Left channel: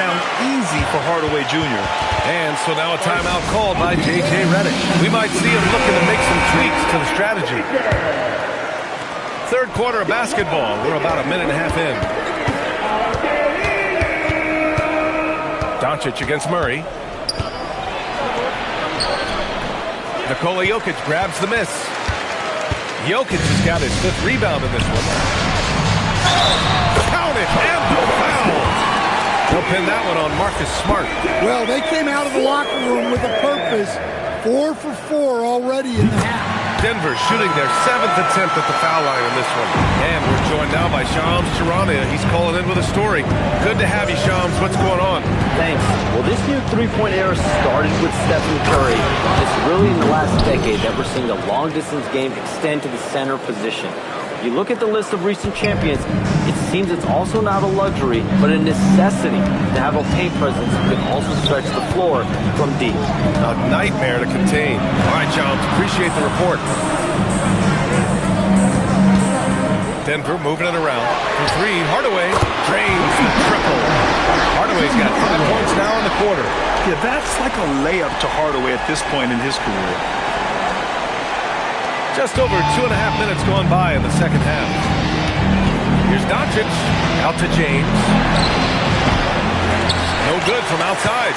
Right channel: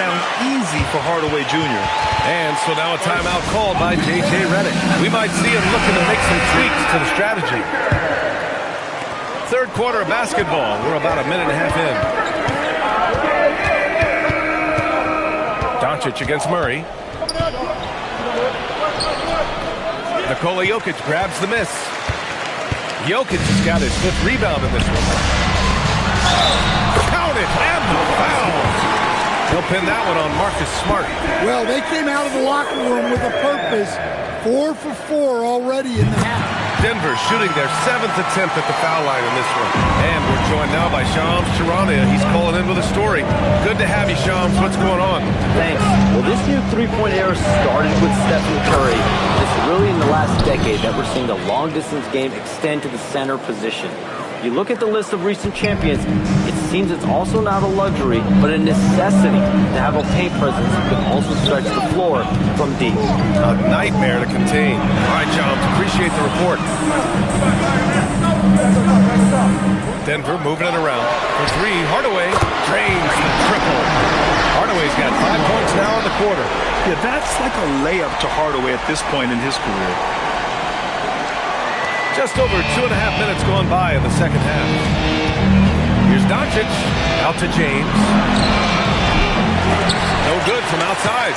down easy for Hardaway Jr. And so now a timeout called by J.J. Redick. We might see him looking to make some tweaks to the strategy. Third quarter of basketball. We're about a minute and a half in. Doncic against Murray. Nikola Jokic grabs the miss. Jokic has got his 5th rebound in this one. Count it, and the foul. He'll pin that one on Marcus Smart. Well, they came out of the locker room with a purpose. 4 for 4 already in the half. Denver shooting their 7th attempt at the foul line in this one. And we're joined now by Shams Charania. He's calling in with a story. Good to have you, Shams. What's going on? Thanks. Well, this new three-point era started with Stephen Curry. It's really in the last decade that we're seeing the long-distance game extend to the center position. You look at the list of recent champions, it seems it's also not a luxury, but a necessity to have a paint presence who can also stretch the floor from deep. A nightmare to contain. All right, Shams, appreciate the report. Denver moving it around. For 3, Hardaway drains the triple. Hardaway's got 5 points now in the quarter. Yeah, that's like a layup to Hardaway at this point in his career. Just over 2.5 minutes gone by in the second half. Here's Doncic, out to James. No good from outside.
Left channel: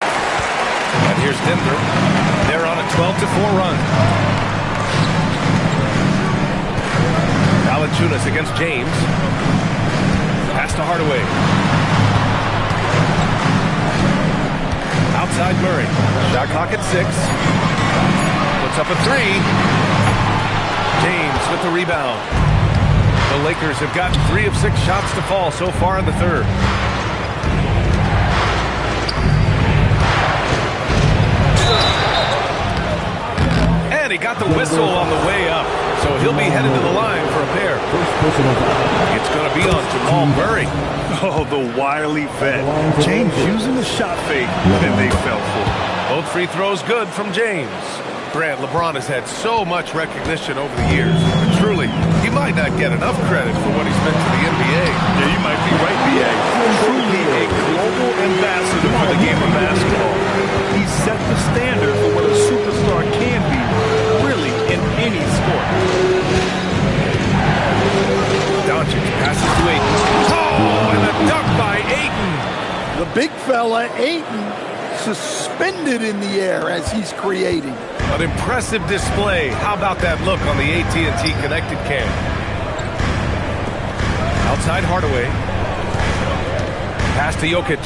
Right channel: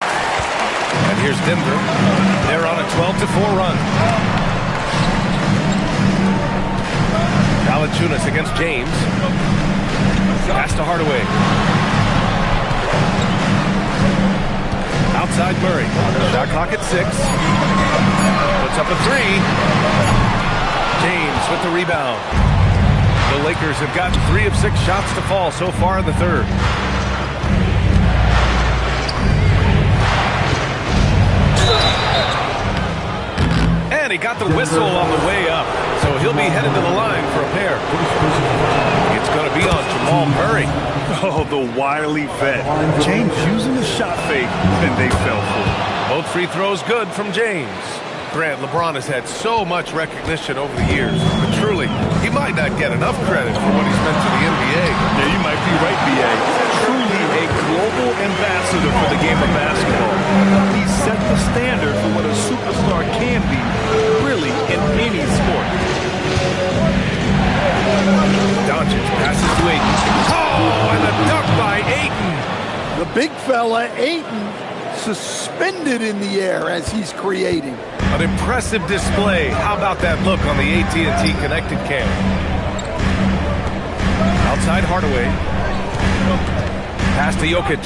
And here's Denver. They're on a 12-4 run. Valanciunas against James. Pass to Hardaway. Outside Murray. Shot clock at 6. Puts up a 3. James with the rebound. The Lakers have gotten 3 of 6 shots to fall so far in the third. And he got the whistle on the way up. So he'll be headed to the line for a pair. It's going to be on Jamal Murray. Oh, the wily vet. James using the shot fake, and they fell for it. Both free throws good from James. Grant, LeBron has had so much recognition over the years, but truly, he might not get enough credit for what he's meant to the NBA. Yeah, you might be right, B.A. Truly a global ambassador for the game of basketball. He set the standard for what a superstar can be, really, in any sport. Doncic passes to Ayton. Oh, and a dunk by Ayton. The big fella, Ayton, suspended in the air as he's creating. An impressive display. How about that look on the AT&T Connected Cam? Outside Hardaway. Pass to Jokic.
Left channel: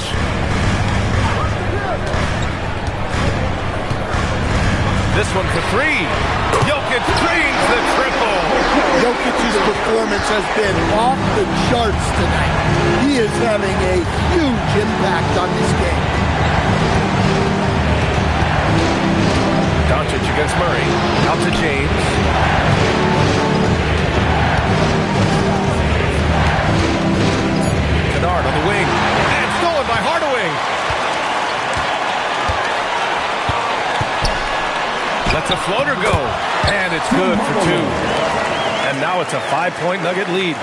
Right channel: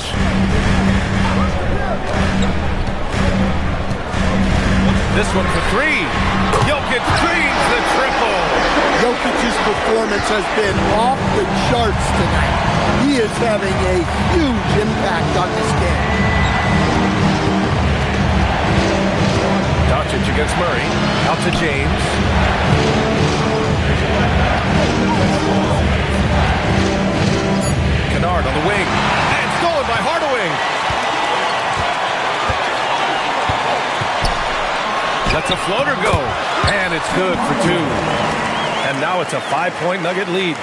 This one for 3. Jokic drains the triple. Jokic's performance has been off the charts tonight. He is having a huge impact on this game. Doncic against Murray. Out to James. Kennard on the wing. And stolen by Hardaway. Lets a floater go. And it's good for 2. And now it's a 5-point Nugget lead.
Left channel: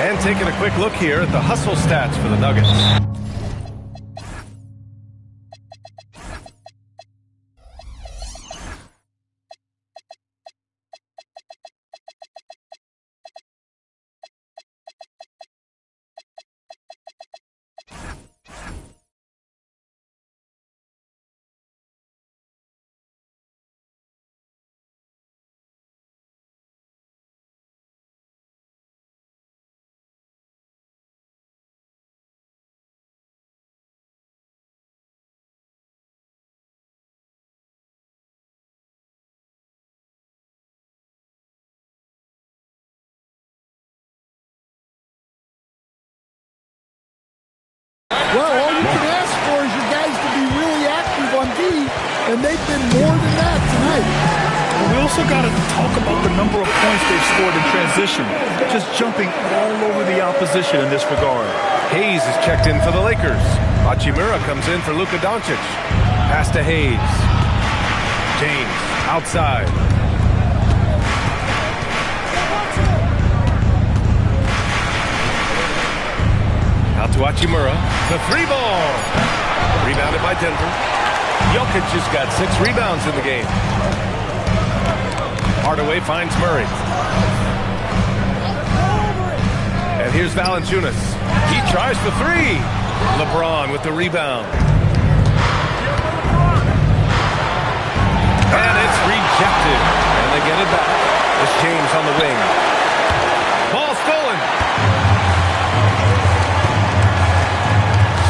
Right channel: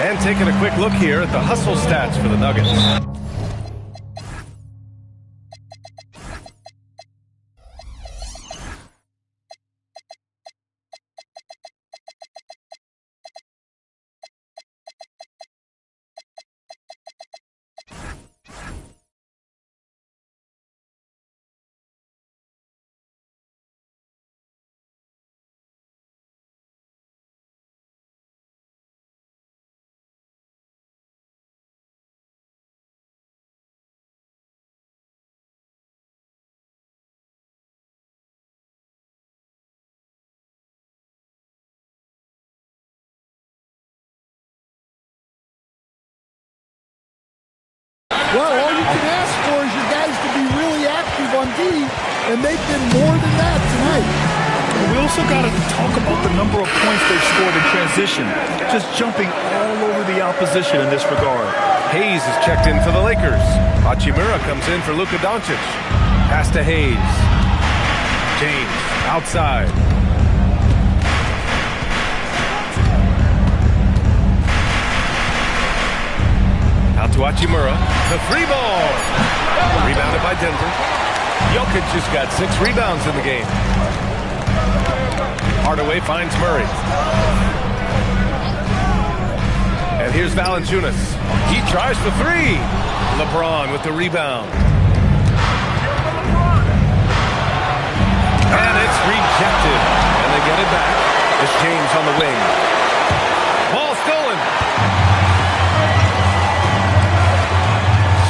And taking a quick look here at the hustle stats for the Nuggets. Well, all you can ask for is your guys to be really active on D, and they've been more than that tonight. And we also got to talk about the number of points they've scored in transition, just jumping all over the opposition in this regard. Hayes is checked in for the Lakers. Hachimura comes in for Luka Doncic. Pass to Hayes. James outside. Out to Hachimura. The 3-ball. Rebounded by Denver. Jokic just got 6 rebounds in the game. Hardaway finds Murray. And here's Valanciunas. He tries for 3. LeBron with the rebound. And it's rejected. And they get it back. It's James on the wing. Ball stolen.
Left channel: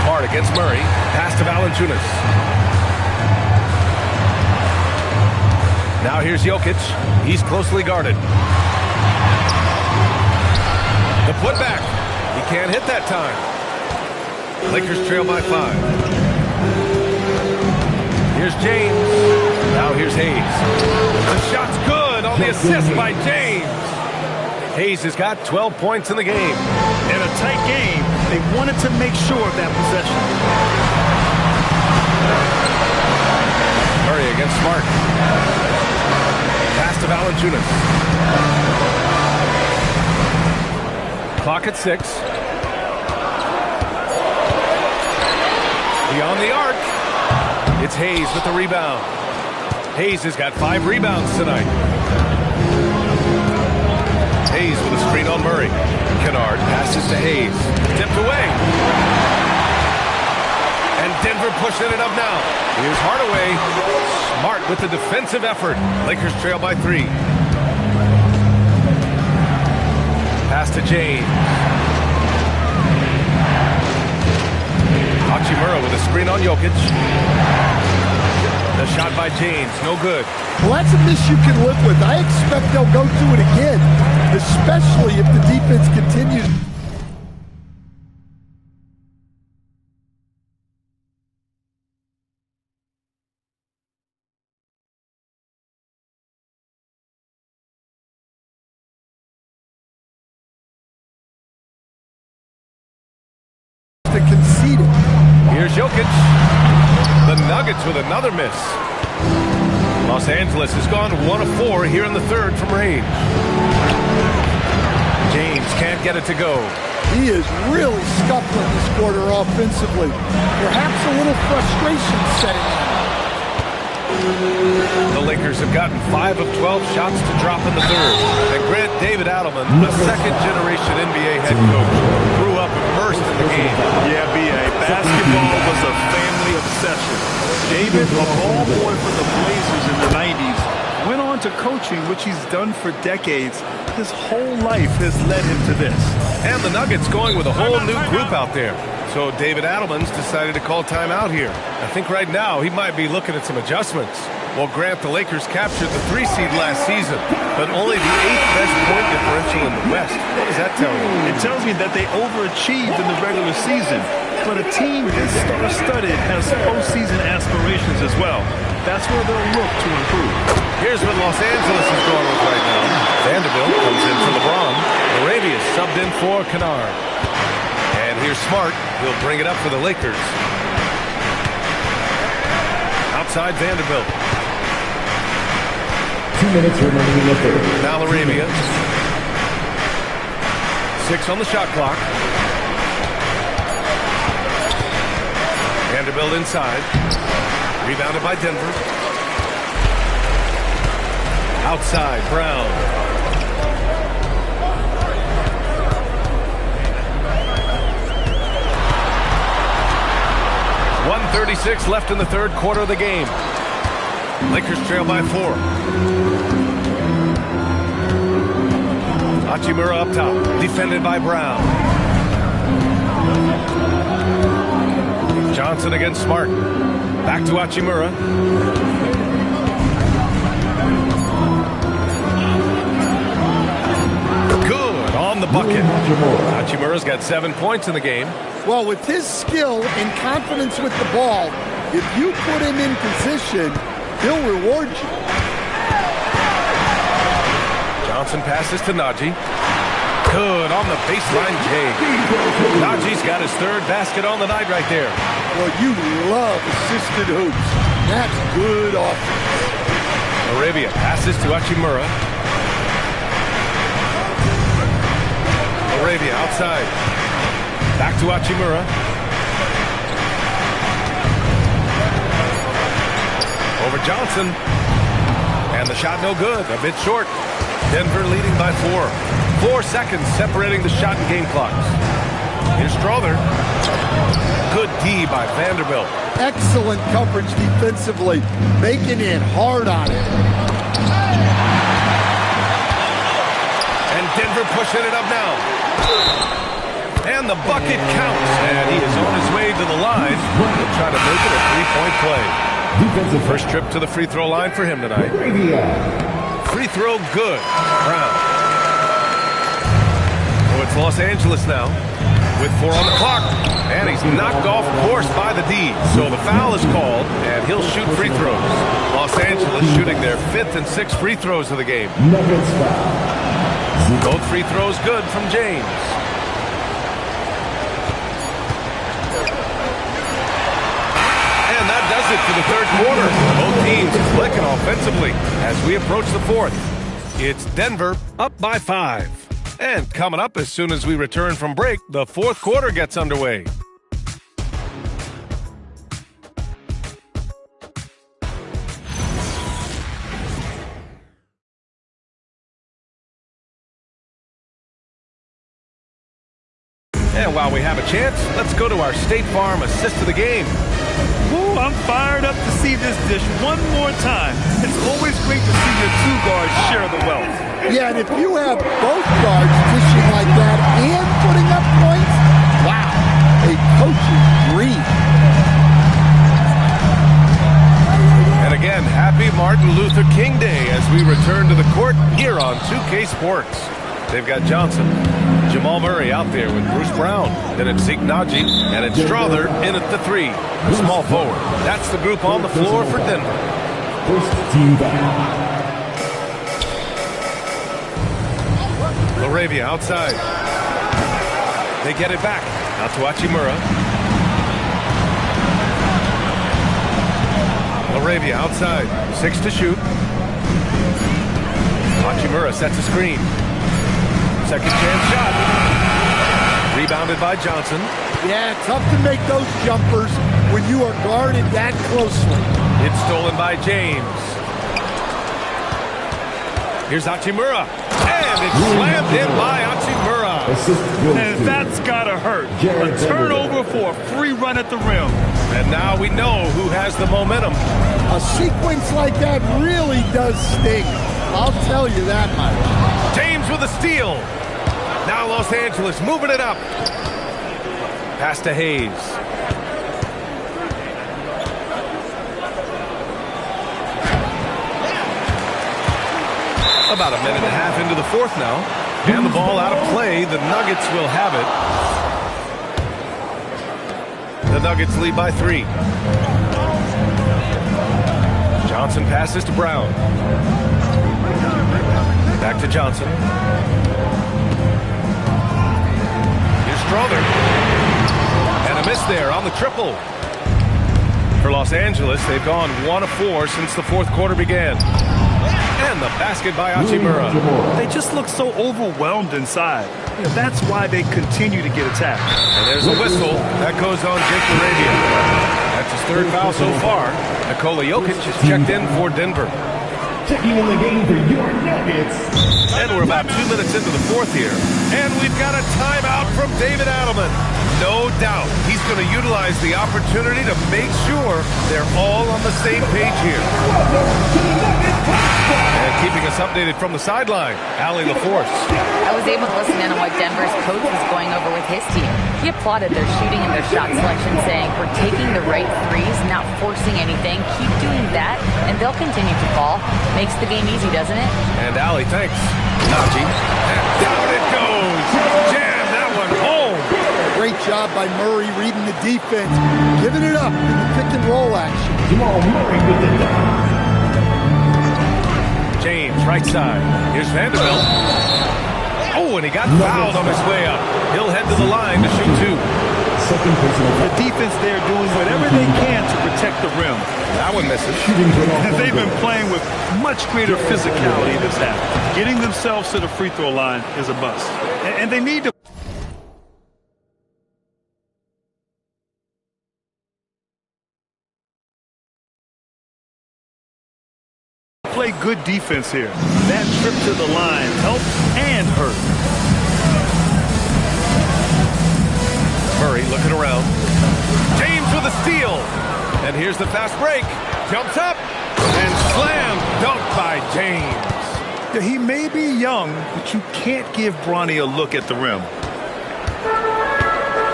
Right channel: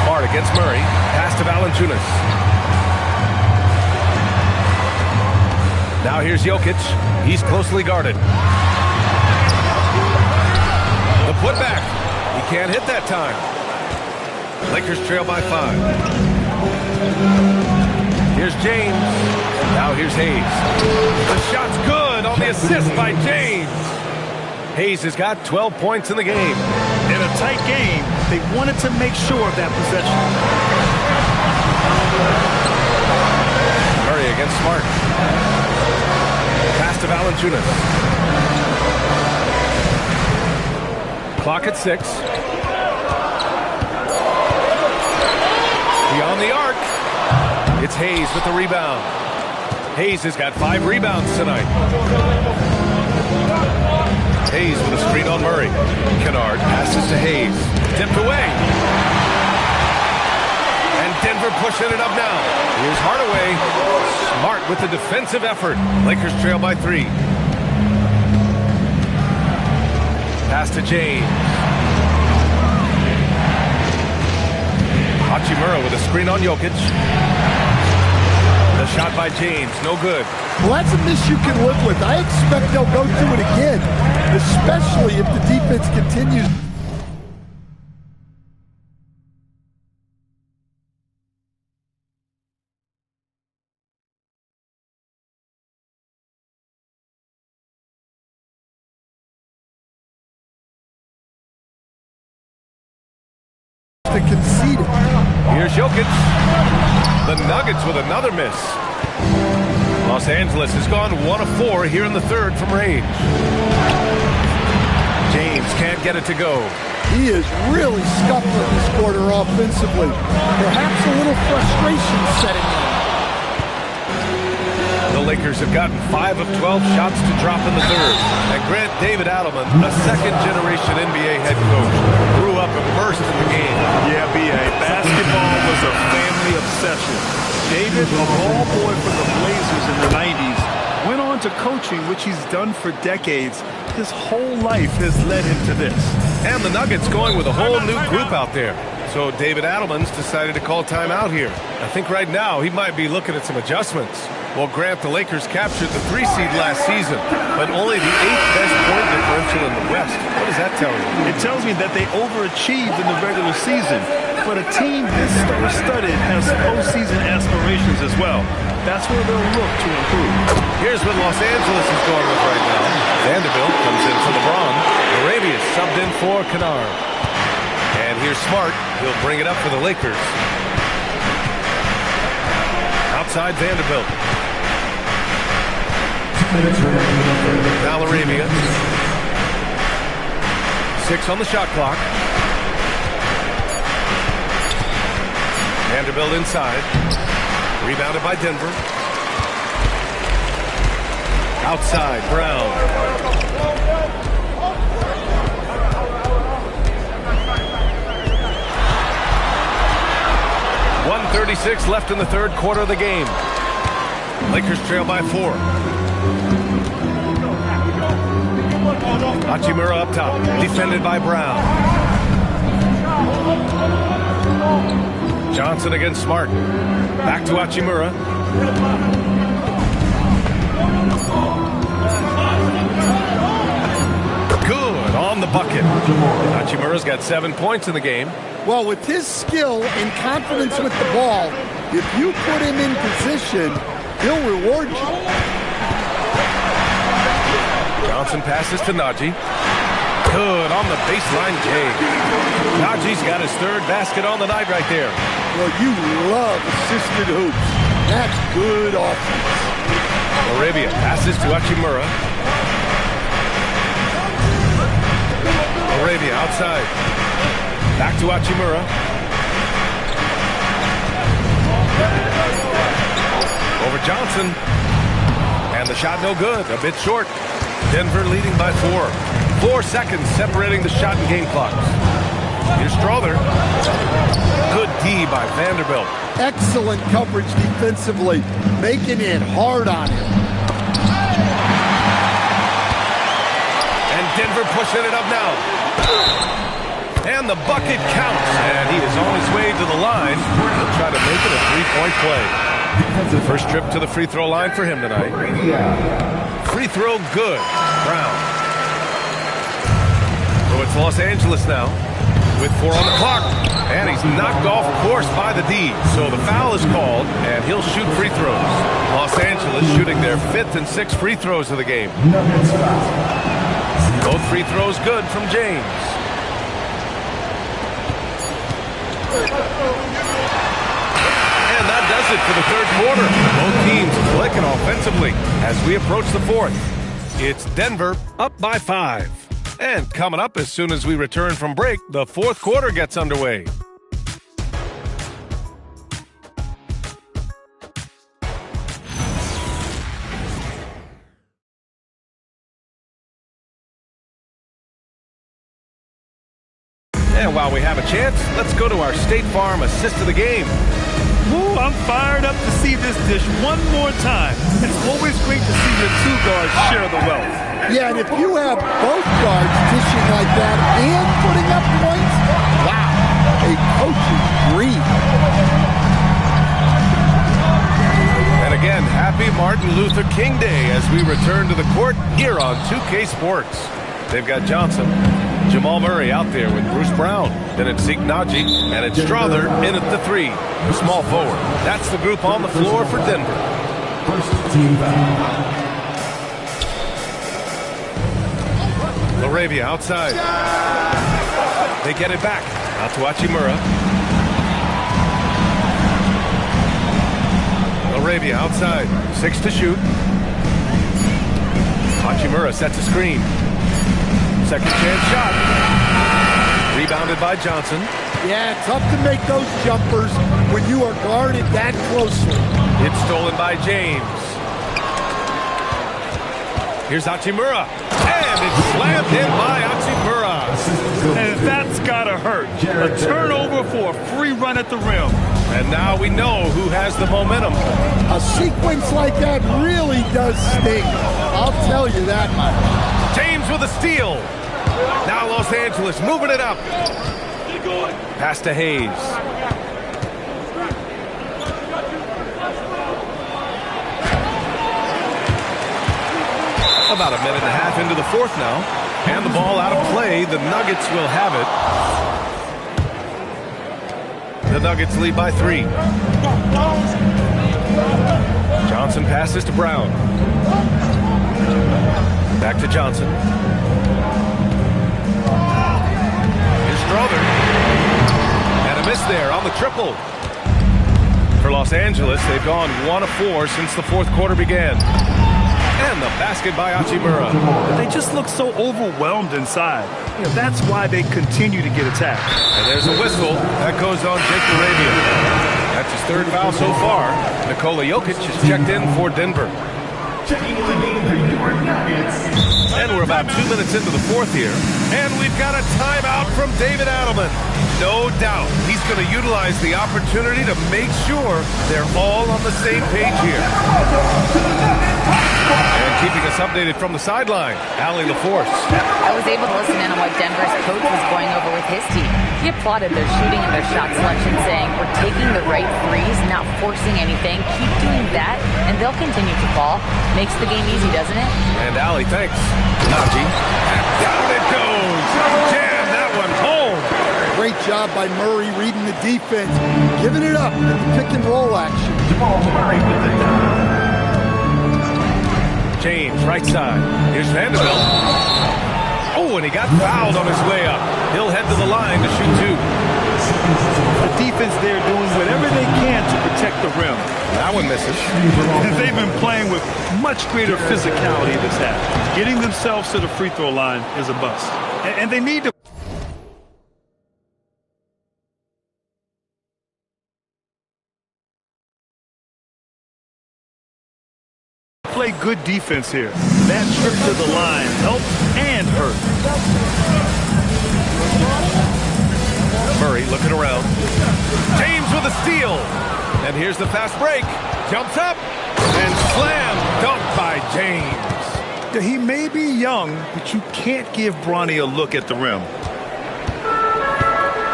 Smart against Murray. Pass to Valanciunas. Now here's Jokic. He's closely guarded. The putback. He can't hit that time. Lakers trail by 5. Here's James. Now here's Hayes. The shot's good on the assist by James. Hayes has got 12 points in the game. In a tight game, they wanted to make sure of that possession. Murray against Smart. Pass to Valanciunas. Clock at 6. Beyond the arc. It's Hayes with the rebound. Hayes has got 5 rebounds tonight. Hayes with a screen on Murray. Kennard passes to Hayes. Tipped away. And Denver pushing it up now. Here's Hardaway. Smart with the defensive effort. Lakers trail by 3. Pass to James. Hachimura with a screen on Jokic. The shot by James, no good. Well, that's a miss you can live with. I expect they'll go through it again, especially if the defense continues to concede it. Here's Jokic. The Nuggets with another miss. Los Angeles has gone 1 of 4 here in the third from range. James can't get it to go. He is really scuffling this quarter offensively. Perhaps a little frustration setting in. The Lakers have gotten 5 of 12 shots to drop in the third. And Grant David Adelman, a second-generation NBA head coach, grew up immersed in the game. Yeah, B.A. Basketball was a family obsession. David, a ball boy for the Blazers in the 90s, went on to coaching, which he's done for decades. His whole life has led him to this. And the Nuggets going with a whole new group out there. So David Adelman's decided to call timeout here. I think right now he might be looking at some adjustments. Well, Grant, the Lakers captured the 3 seed last season, but only the 8th best point differential in the West. What does that tell you? It tells me that they overachieved in the regular season. But a team this star-studded has postseason aspirations as well. That's where they'll look to improve. Here's what Los Angeles is going with right now. Vanderbilt comes in for LeBron. Arabius subbed in for Kennard. And here's Smart. He'll bring it up for the Lakers. Outside Vanderbilt. 2 minutes remaining in the third. Now Arabia. 6 on the shot clock. Vanderbilt inside. Rebounded by Denver. Outside, Brown. .136 left in the third quarter of the game. Lakers trail by 4. Hachimura up top, defended by Brown. Johnson against Smart. Back to Hachimura. Good on the bucket. Hachimura's got 7 points in the game. Well, with his skill and confidence with the ball, if you put him in position, he'll reward you. Johnson passes to Najee. Good on the baseline, Jay. Najee's got his 3rd basket on the night right there. Well, you love assisted hoops. That's good offense. Arabia passes to Hachimura. Arabia outside. Back to Hachimura. Over Johnson. And the shot no good. A bit short. Denver leading by 4. 4 seconds separating the shot and game clocks. Here's Strother. Good D by Vanderbilt. Excellent coverage defensively, making it hard on him. And Denver pushing it up now. And the bucket counts. And he is on his way to the line. He'll try to make it a three-point play. First trip to the free throw line for him tonight. Free throw good. Brown. So it's Los Angeles now with 4 on the clock. And he's knocked off course by the D. So the foul is called, and he'll shoot free throws. Los Angeles shooting their 5th and 6th free throws of the game. Both free throws good from James. And that does it for the third quarter. Both teams clicking offensively as we approach the fourth. It's Denver up by 5. And coming up as soon as we return from break, the fourth quarter gets underway. And while we have a chance, let's go to our State Farm assist of the game. Ooh, I'm fired up to see this dish one more time. It's always great to see your 2 guards share the wealth. Yeah, and if you have both guards dishing like that and putting up points, wow, a coach's dream. And again, happy Martin Luther King Day as we return to the court here on 2K Sports. They've got Johnson, Jamal Murray out there with Bruce Brown. Then it's Zeke Naji, and it's Strother in at the 3, the small forward. That's the group on the floor for Denver. First team foul. Laravia outside. They get it back. Out to Hachimura. Laravia outside. 6 to shoot. Hachimura sets a screen. Second chance shot. Rebounded by Johnson. Yeah, tough to make those jumpers when you are guarded that closely. It's stolen by James. Here's Hachimura. And it's slammed in by Hachimura. And that's gotta hurt. A turnover for a free run at the rim. And now we know who has the momentum. A sequence like that really does sting. I'll tell you that much. James with a steal. Now Los Angeles moving it up. Pass to Hayes. About a minute and a half into the fourth now. And the ball out of play. The Nuggets will have it. The Nuggets lead by 3. Johnson passes to Brown. Back to Johnson. Here's Strother. And a miss there on the triple. For Los Angeles, they've gone 1 of 4 since the fourth quarter began. And the basket by Hachimura. They just look so overwhelmed inside. You know, that's why they continue to get attacked. And there's a whistle. That goes on Jake Laravia. That's his 3rd foul so far. Nikola Jokic is checked in for Denver. Checking in the game for your Nuggets. And we're about 2 minutes into the fourth here. And we've got a timeout from David Adelman. No doubt he's going to utilize the opportunity to make sure they're all on the same page here. And keeping us updated from the sideline, Allie LaForce. I was able to listen in on what Denver's coach was going over with his team. He applauded their shooting and their shot selection, saying, "We're taking the right threes, not forcing anything. Keep doing that, and they'll continue to fall." Makes the game easy, doesn't it? And Allie, thanks. Naji. And down it goes. Jam that one home. Great job by Murray reading the defense, giving it up in the pick and roll action. Jamal Murray with the dunk. James, right side. Here's Vanderbilt. Oh, and he got fouled on his way up. He'll head to the line to shoot 2. The defense there doing whatever they can to protect the rim. That one misses. They've been playing with much greater physicality this half. Getting themselves to the free throw line is a bust. And they need to play good defense here. That trip to the line helped and hurt. Murray looking around. James with a steal. And here's the fast break. Jumps up and slam dunk by James. Yeah, he may be young, but you can't give Bronny a look at the rim.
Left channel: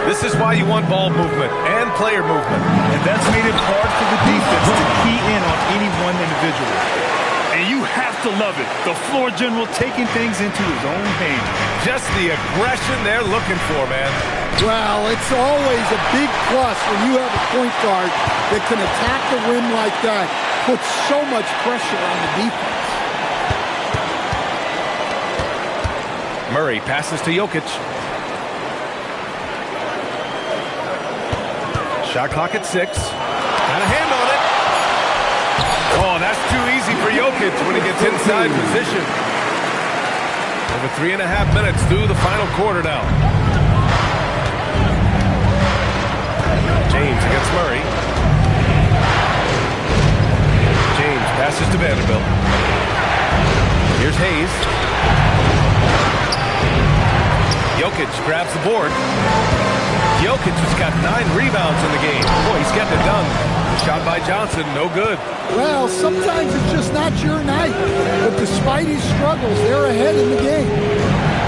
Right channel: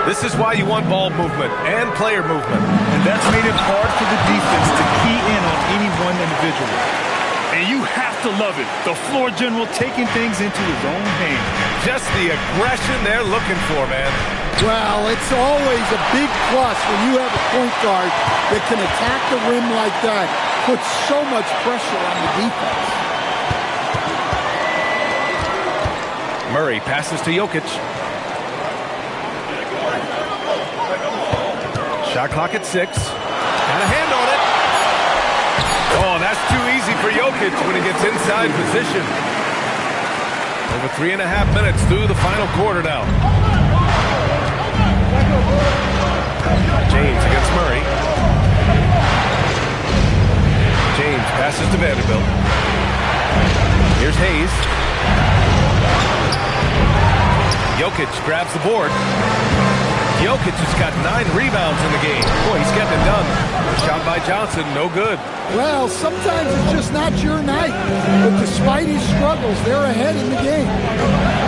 This is why you want ball movement and player movement. And that's made it hard for the defense to key in on any one individual. And you have to love it. The floor general taking things into his own hands. Just the aggression they're looking for, man. Well, it's always a big plus when you have a point guard that can attack the rim like that. Puts so much pressure on the defense. Murray passes to Jokic. Shot clock at 6. Got a hand on it. Oh, that's too easy for Jokic when he gets inside position. Over 3.5 minutes through the final quarter now. James against Murray. James passes to Vanderbilt. Here's Hayes. Jokic grabs the board. Jokic has got 9 rebounds in the game. Boy, he's getting it done. The shot by Johnson, no good. Well, sometimes it's just not your night. But despite his struggles, they're ahead in the game.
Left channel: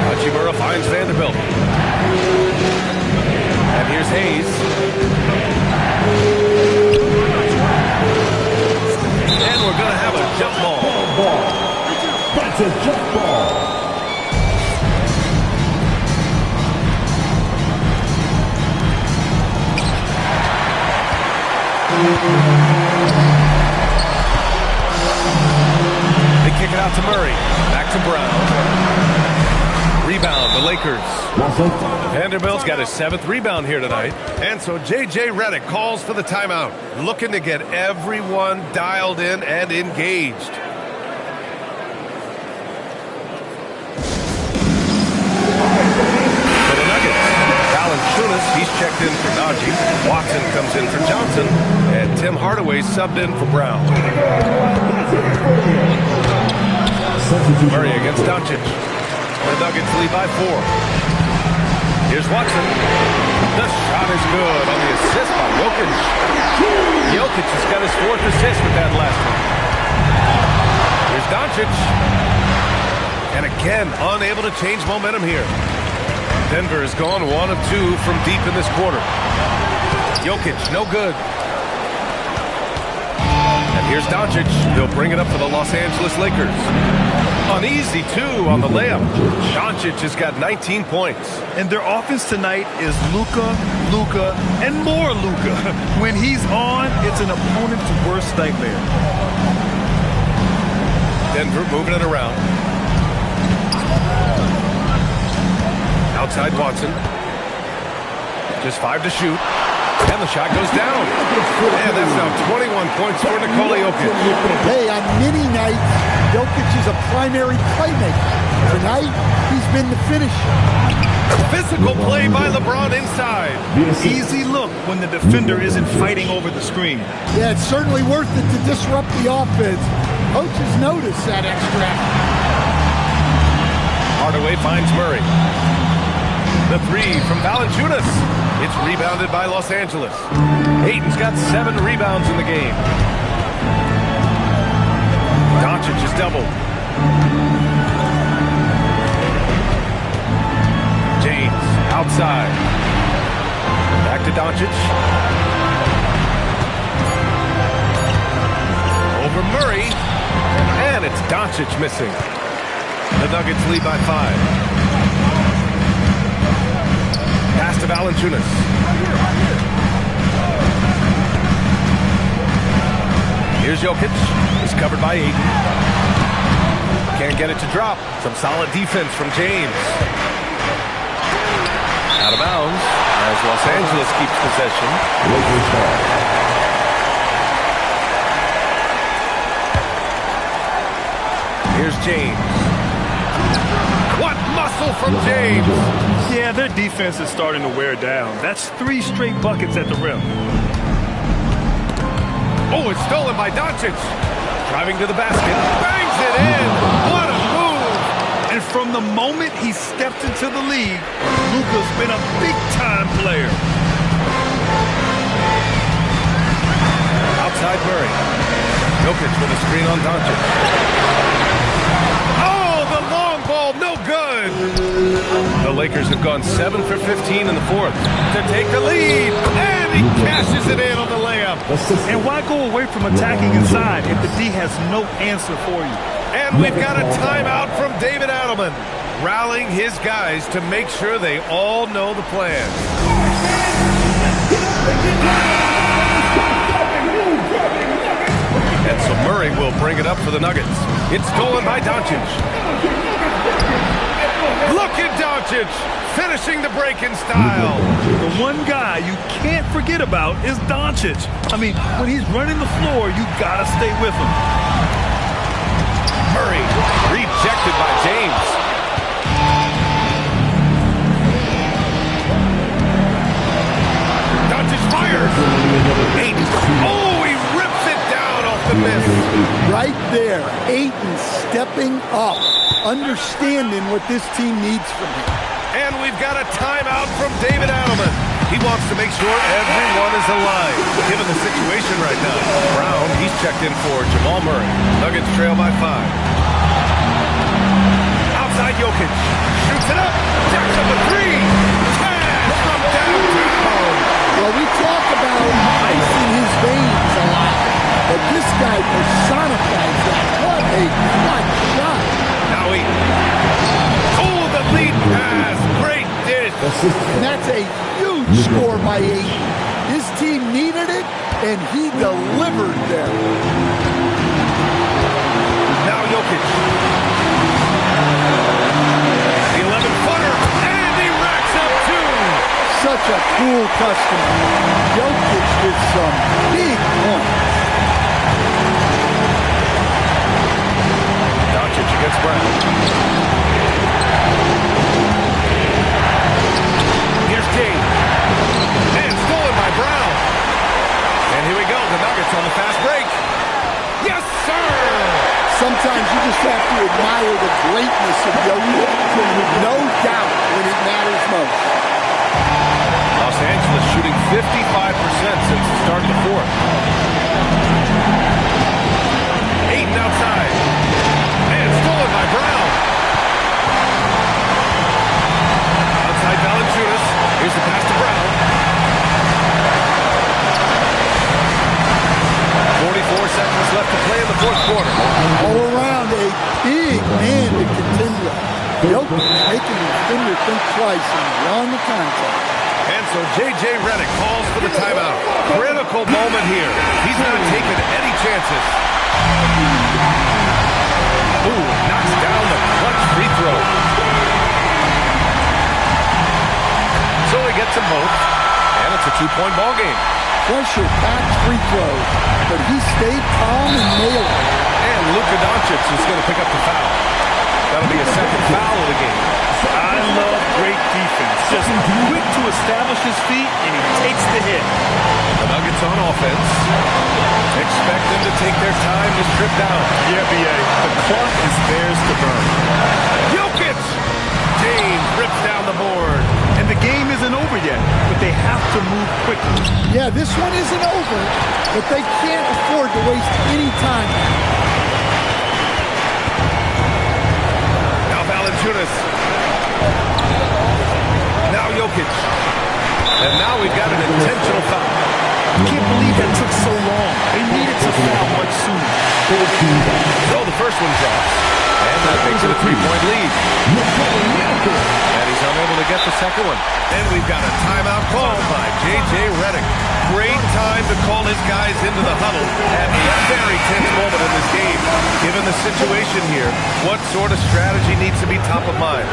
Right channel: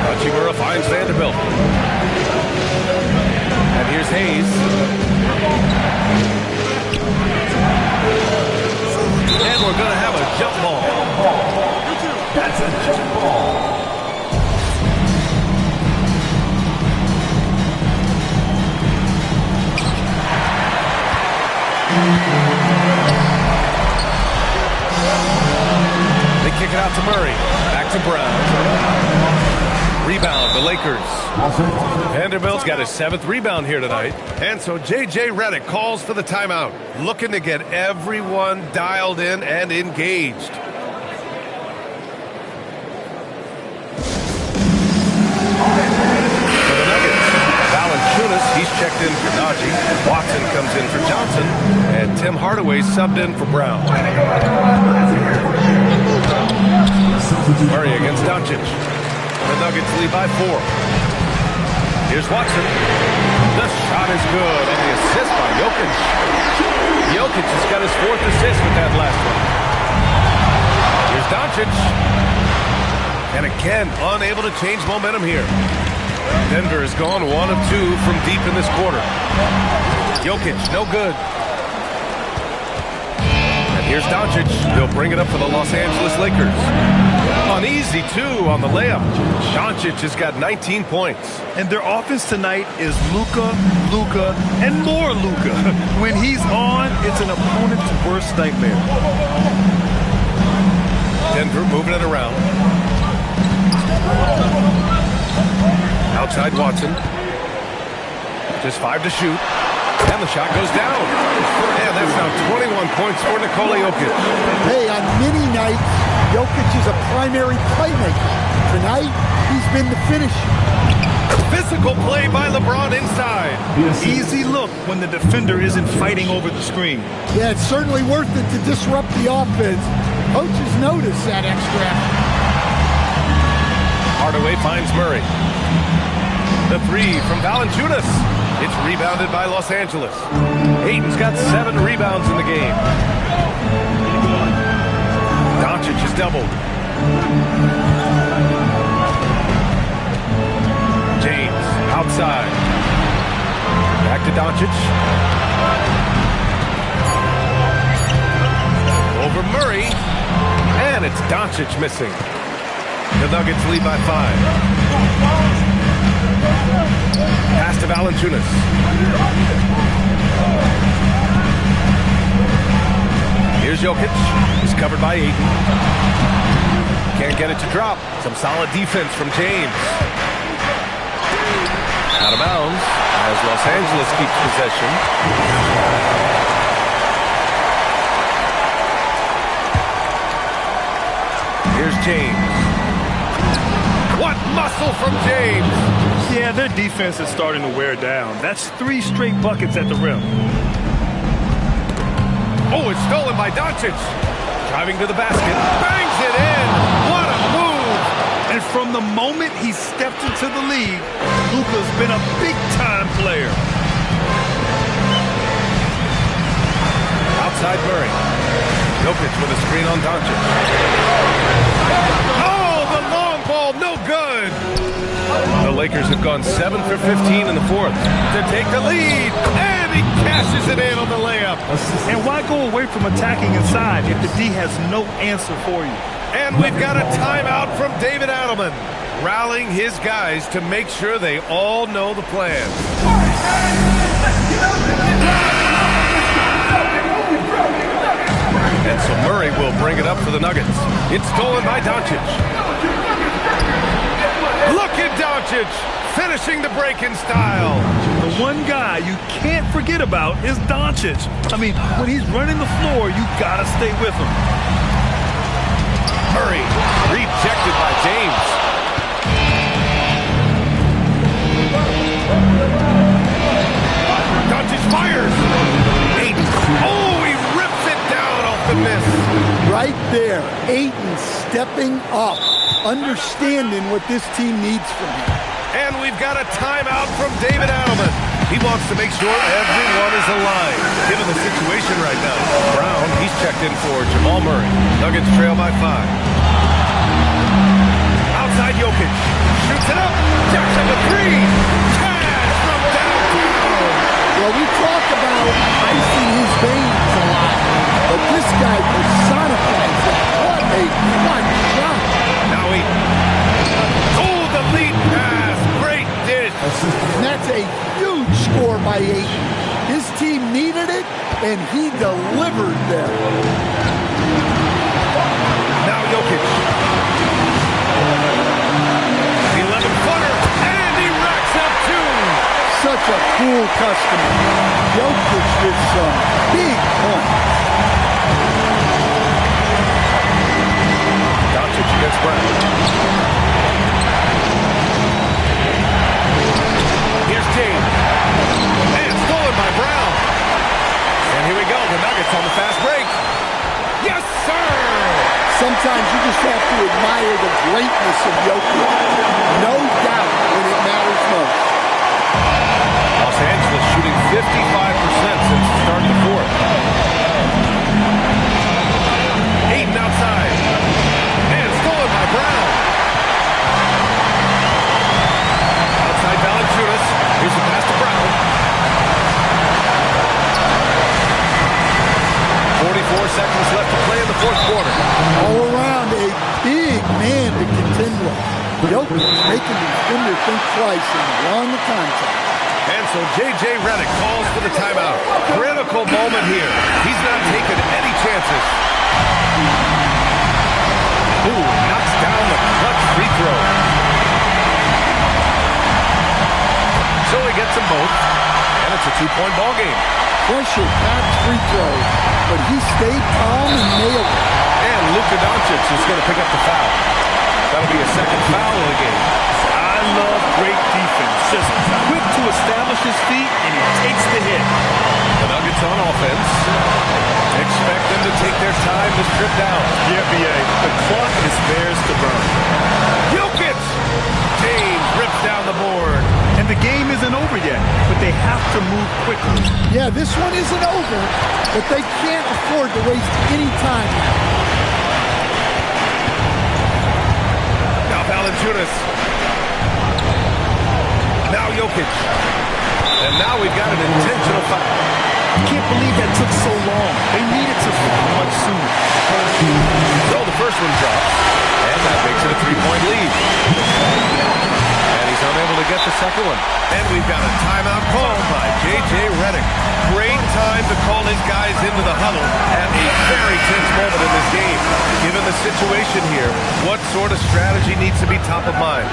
Hachimura finds Vanderbilt. And here's Hayes. And we're going to have a jump ball. That's a jump ball. They kick it out to Murray. Back to Brown. Rebound, the Lakers. Vanderbilt's got his 7th rebound here tonight. And so J.J. Redick calls for the timeout, looking to get everyone dialed in and engaged. For the Nuggets, Valanciunas, he's checked in for Najee. Watson comes in for Johnson. And Tim Hardaway subbed in for Brown. Murray against Doncic. The Nuggets lead by 4. Here's Watson. The shot is good on the assist by Jokic. Jokic has got his 4th assist with that last one. Here's Doncic. And again, unable to change momentum here. Denver has gone 1 of 2 from deep in this quarter. Jokic, no good. And here's Doncic. He'll bring it up for the Los Angeles Lakers. An easy 2 on the layup. Doncic has got 19 points. And their offense tonight is Luka, and more Luka. When he's on, it's an opponent's worst nightmare. Denver moving it around. Outside Watson. Just 5 to shoot. And the shot goes down. And that's now 21 points for Nikola Jokic. Hey, on many nights, Jokic is a primary playmaker. Tonight, he's been the finisher. Physical play by LeBron inside. Easy look when the defender isn't fighting over the screen. Yeah, it's certainly worth it to disrupt the offense. Coaches notice that extra effort. Hardaway finds Murray. The 3 from Valanciunas. It's rebounded by Los Angeles. Ayton's got 7 rebounds in the game. Doncic is doubled. James outside. Back to Doncic. Over Murray. And it's Doncic missing. The Nuggets lead by 5. Pass to Valanciunas. Here's Jokic. He's covered by Ayton. Can't get it to drop. Some solid defense from James. Out of bounds as Los Angeles keeps possession. Here's James. What muscle from James! Yeah, their defense is starting to wear down. That's 3 straight buckets at the rim. Oh, it's stolen by Doncic. Driving to the basket. Bangs it in. What a move! And from the moment he stepped into the league, Luka's been a big-time player. Outside Murray. Jokic with a screen on Doncic. Oh, the long ball, no good. The Lakers have gone 7 for 15 in the fourth to take the lead, and he cashes it in on the layup. And why go away from attacking inside if the D has no answer for you? And we've got a timeout from David Adelman, rallying his guys to make sure they all know the plan. And so Murray will bring it up for the Nuggets. It's stolen by Doncic. Look at Doncic finishing the break in style. The one guy you can't forget about is Doncic. I mean, when he's running the floor, you gotta stay with him. Murray rejected by James. Doncic fires. Ayton. Oh, he rips it down off the miss. Right there, Ayton stepping up, understanding what this team needs from him. And we've got a timeout from David Adelman. He wants to make sure everyone is alive, given the situation right now. Brown, he's checked in for Jamal Murray. Nuggets trail by 5. Outside Jokic. Shoots it up. Jacks up a 3. Cash from downtown. Well, we talk about ice in his veins a lot, but this guy personifies that. What a clutch shot. Now Ayton. Oh, the lead pass. Great dish. And that's a huge score by Ayton. His team needed it, and he delivered there. Now Jokic. The 11-footer, and he racks up 2. Such a cool customer. Jokic with some big points. Doncic against Brown. Here's James. And stolen by Brown. And here we go, the Nuggets on the fast break. Yes, sir! Sometimes you just have to admire the greatness of Jokic. No doubt when it matters most. Los Angeles shooting 55% since the start of the fourth. Ayton outside. And stolen by Brown. Outside Valanciunas. Here's the pass to Brown. 44 seconds left to play in the fourth quarter. All around, a big man to contend with. Jokic making the defender think twice and drawn the contact. And so J.J. Redick calls for the timeout. Critical moment here. He's not taking any chances. Ooh, he knocks down the clutch free throw. So he gets them both. And it's a 2-point ball game. Pressure-packed free throw, but he stayed calm and nailed it. And Luka Doncic is going to pick up the foul. That'll be a second foul of the game. I love great defense. Just quick to establish his feet, and he takes the hit. The Nuggets on offense. Expect them to take their time to strip down. Yeah, B.A. The clock is theirs to burn. Jokic! James rips down the board. And the game isn't over yet, but they have to move quickly. Yeah, this one isn't over, but they can't afford to waste any time now. Now Valanciunas. Now Jokic. And now we've got an intentional foul. I can't believe that took so long. They needed to foul much sooner. So the first one drops, and that makes it a 3-point lead. And he's unable to get the second one. And we've got a timeout called by J.J. Redick. Great time to call his guys into the huddle at a very tense moment in this game. Given the situation here, what sort of strategy needs to be top of mind?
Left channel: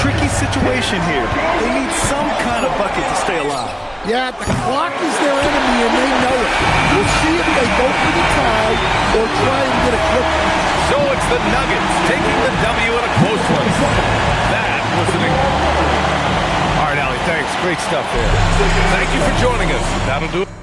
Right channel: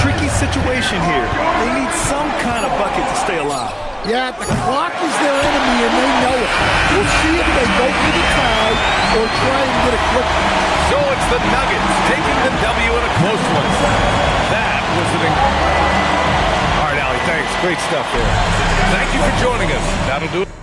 Tricky situation here. They need some kind of bucket to stay alive. Yeah, the clock is their enemy, and they know it. We'll see if they go for the tie or try and get a quick one. So it's the Nuggets taking the W in a close one. That was All right, Allie, thanks. Great stuff there. Thank you for joining us. That'll do it.